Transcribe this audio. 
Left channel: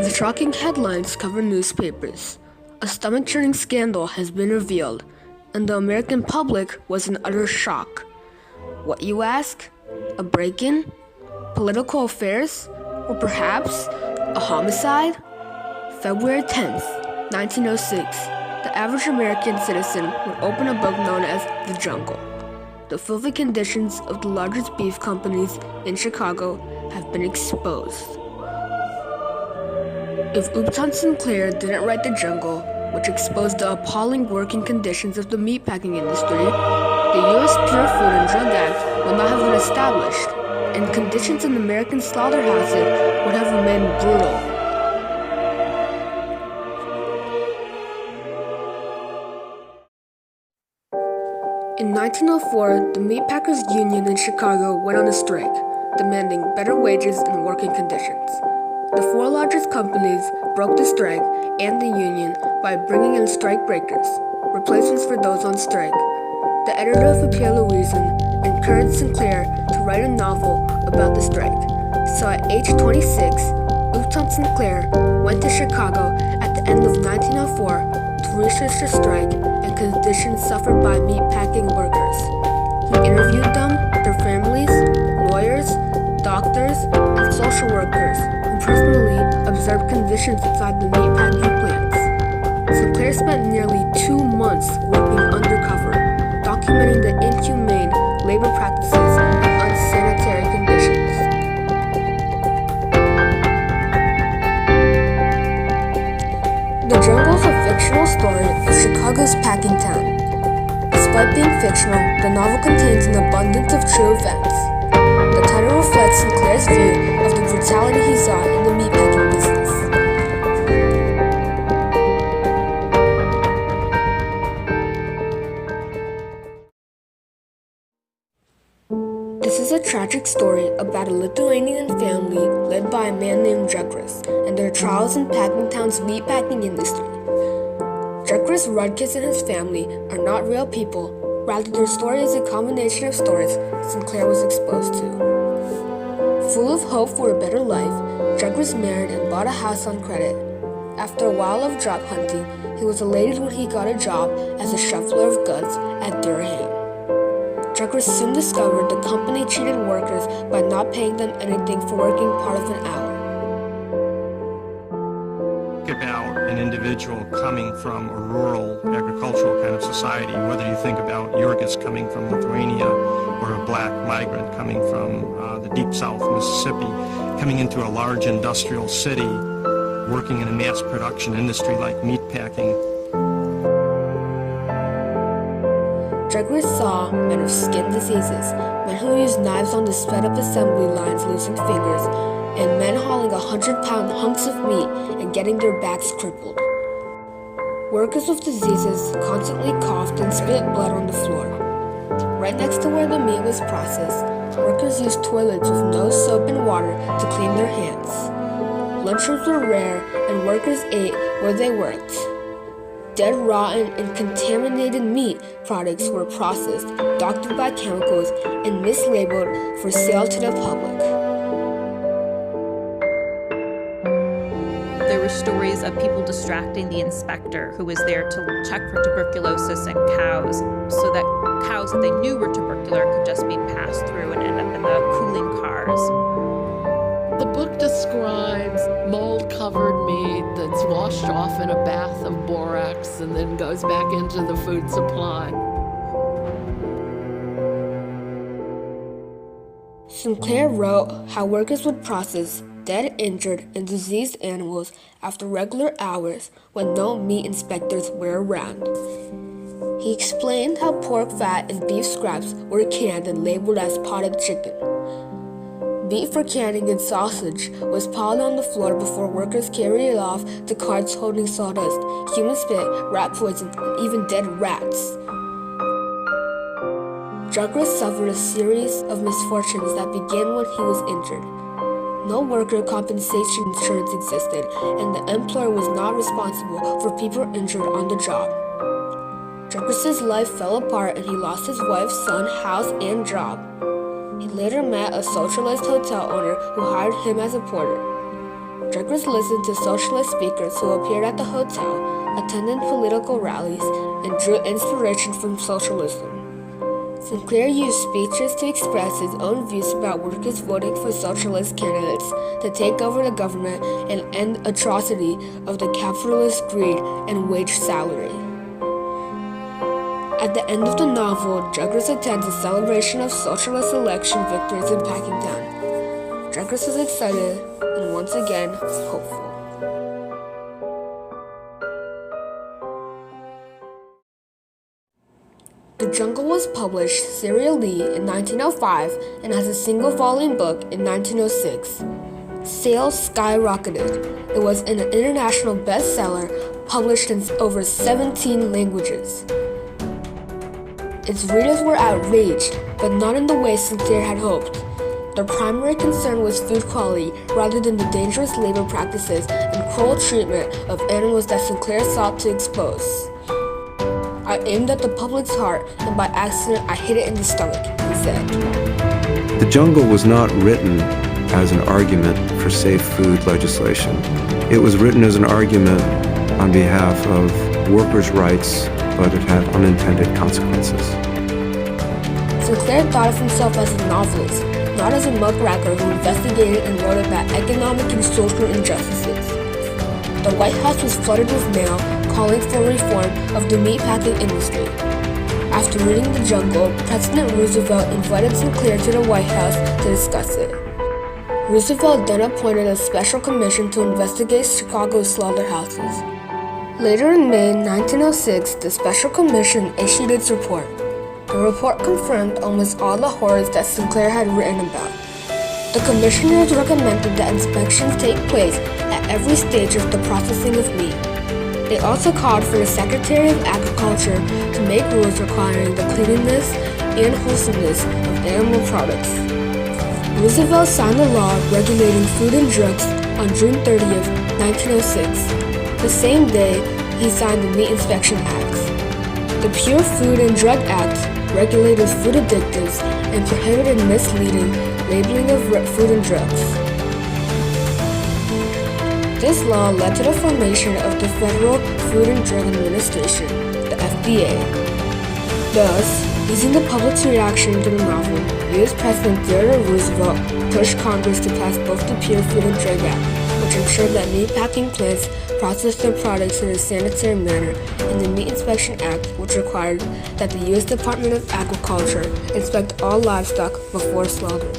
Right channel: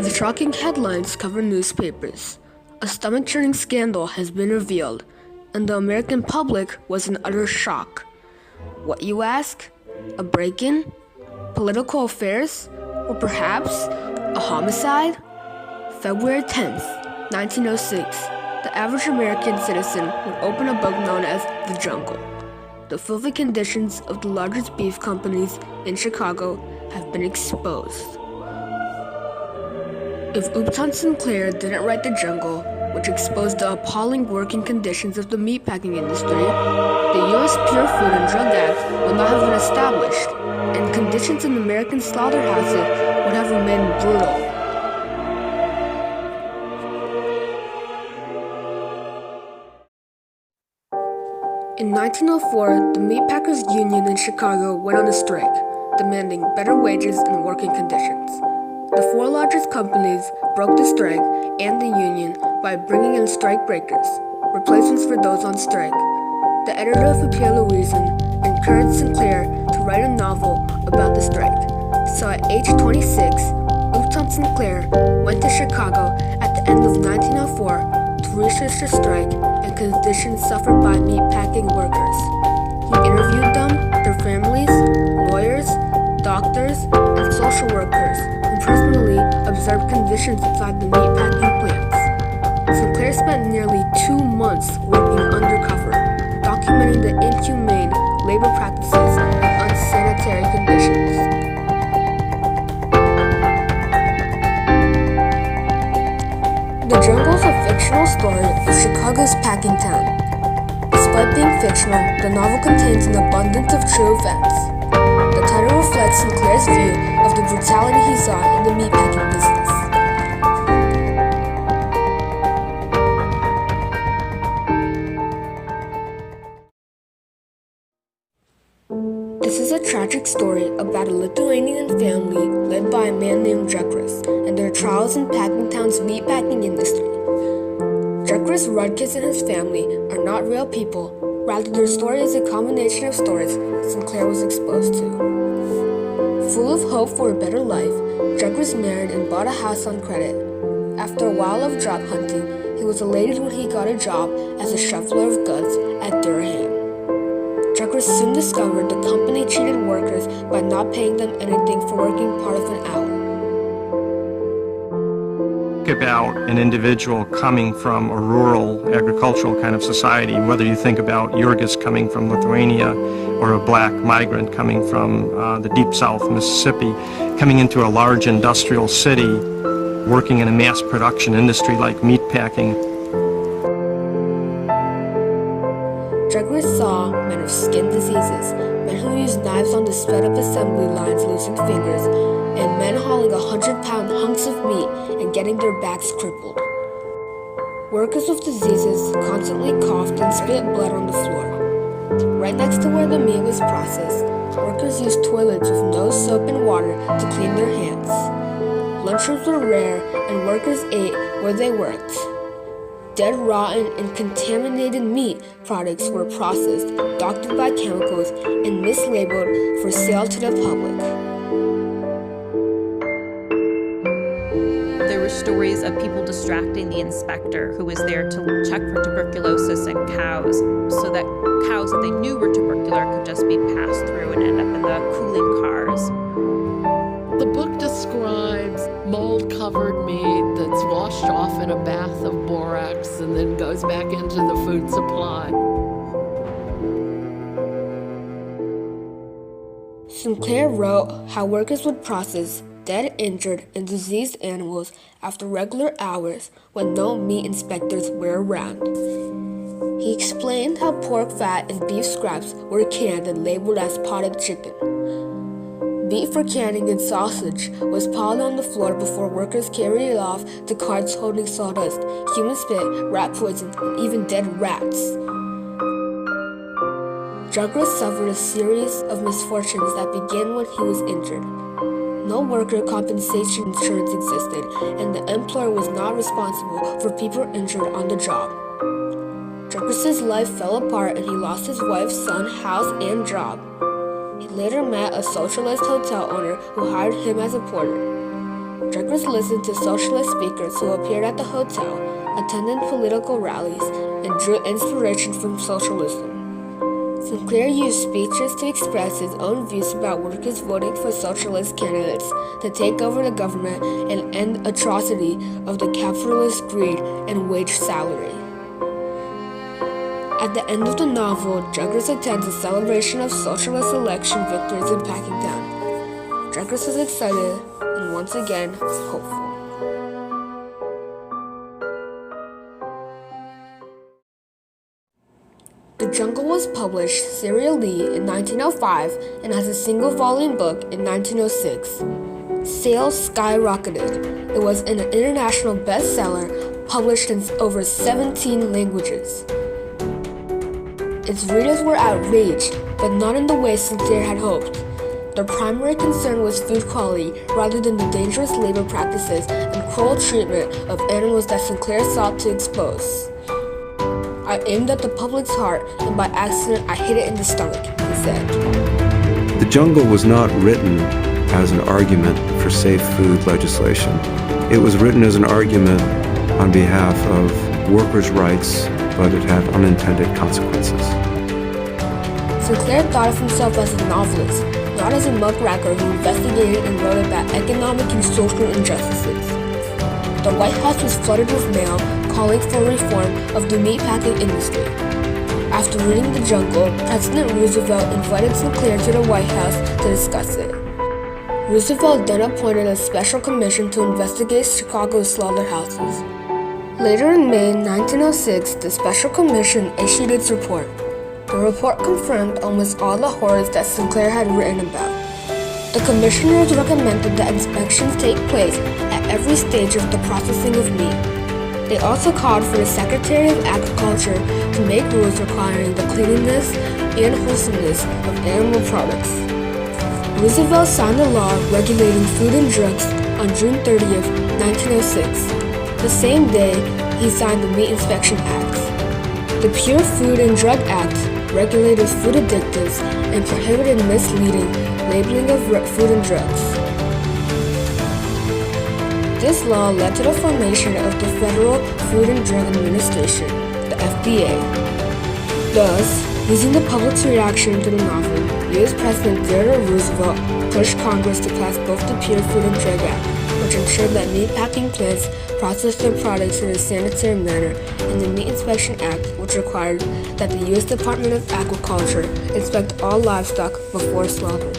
The shocking headlines cover newspapers. A stomach-churning scandal has been revealed, and the American public was in utter shock. What, you ask? A break-in? Political affairs? Or perhaps a homicide? February 10th, 1906, the average American citizen would open a book known as The Jungle. The filthy conditions of the largest beef companies in Chicago have been exposed. If Upton Sinclair didn't write The Jungle, which exposed the appalling working conditions of the meatpacking industry, the U.S. Pure Food and Drug Act would not have been established, and conditions in American slaughterhouses would have remained brutal. In 1904, the Meatpackers Union in Chicago went on a strike, demanding better wages and working conditions. The four largest companies broke the strike and the union by bringing in strike breakers, replacements for those on strike. The editor of Pierre Louison encouraged Sinclair to write a novel about the strike. So at age 26, Upton Sinclair went to Chicago at the end of 1904 to research the strike and conditions suffered by meatpacking workers. He interviewed them, their families, lawyers, doctors, and social workers who personally observed conditions inside the meatpacking plants. Sinclair spent nearly 2 months working undercover, documenting the inhumane labor practices and unsanitary conditions. The Jungle is a fictional story of Chicago's packing town. Despite being fictional, the novel contains an abundance of true events. The title reflects Sinclair's view of the brutality he saw in the meatpacking business. This is a tragic story about a Lithuanian family led by a man named Jekris and their trials in Packingtown's meatpacking industry. Jekris Rudkus and his family are not real people, rather their story is a combination of stories Sinclair was exposed to. Full of hope for a better life, Jekris married and bought a house on credit. After a while of job hunting, he was elated when he got a job as a shoveler of goods at Durham. Jekris soon discovered the company cheated workers by not paying them anything for working part of an hour. About an individual coming from a rural agricultural kind of society, whether you think about Jurgis coming from Lithuania or a black migrant coming from the deep south, Mississippi, coming into a large industrial city, working in a mass production industry like meatpacking. Jekris saw men of skin diseases, men who used knives on the sped-up assembly lines losing fingers, and men hauling 100-pound hunks of meat and getting their backs crippled. Workers with diseases constantly coughed and spit blood on the floor. Right next to where the meat was processed, workers used toilets with no soap and water to clean their hands. Lunchrooms were rare and workers ate where they worked. Dead, rotten, and contaminated meat products were processed, doctored by chemicals, and mislabeled for sale to the public. There were stories of people distracting the inspector who was there to check for tuberculosis in cows, so that cows that they knew were tubercular could just be passed through and end up in the cooling cars. The book describes mold-covered meat that's washed off in a bath of borax and then goes back into the food supply. Sinclair wrote how workers would process dead, injured, and diseased animals after regular hours when no meat inspectors were around. He explained how pork fat and beef scraps were canned and labeled as potted chicken. Meat for canning and sausage was piled on the floor before workers carried it off to carts holding sawdust, human spit, rat poison, and even dead rats. Jekris suffered a series of misfortunes that began when he was injured. No worker compensation insurance existed, and the employer was not responsible for people injured on the job. Jekris's life fell apart and he lost his wife, son, house, and job. He later met a socialist hotel owner who hired him as a porter. Douglas listened to socialist speakers who appeared at the hotel, attended political rallies, and drew inspiration from socialism. Sinclair used speeches to express his own views about workers voting for socialist candidates to take over the government and end atrocity of the capitalist greed and wage salary. At the end of the novel, Douglas attends a celebration of socialist election victories in Packingtown. Douglas is excited and once again hopeful. The Jungle was published serially in 1905 and as a single-volume book in 1906. Sales skyrocketed. It was an international bestseller published in over 17 languages. Its readers were outraged, but not in the way Sinclair had hoped. Their primary concern was food quality rather than the dangerous labor practices and cruel treatment of animals that Sinclair sought to expose. I aimed at the public's heart, and by accident I hit it in the stomach, he said. The Jungle was not written as an argument for safe food legislation. It was written as an argument on behalf of workers' rights, but it had unintended consequences. Sinclair thought of himself as a novelist, not as a muckraker who investigated and wrote about economic and social injustices. The White House was flooded with mail calling for reform of the meatpacking industry. After reading The Jungle, President Roosevelt invited Sinclair to the White House to discuss it. Roosevelt then appointed a special commission to investigate Chicago's slaughterhouses. Later in May 1906, the special commission issued its report. The report confirmed almost all the horrors that Sinclair had written about. The commissioners recommended that inspections take place at every stage of the processing of meat. They also called for the Secretary of Agriculture to make rules requiring the cleanliness and wholesomeness of animal products. Roosevelt signed a law regulating food and drugs on June 30th, 1906. The same day, he signed the Meat Inspection Act. The Pure Food and Drug Act regulated food additives and prohibited misleading labeling of food and drugs. This law led to the formation of the Federal Food and Drug Administration, the FDA. Thus, using the public's reaction to the novel, U.S. President Theodore Roosevelt pushed Congress to pass both the Pure Food and Drug Act, which ensured that meatpacking plants processed their products in a sanitary manner, and the Meat Inspection Act, which required that the U.S. Department of Agriculture inspect all livestock before slaughter.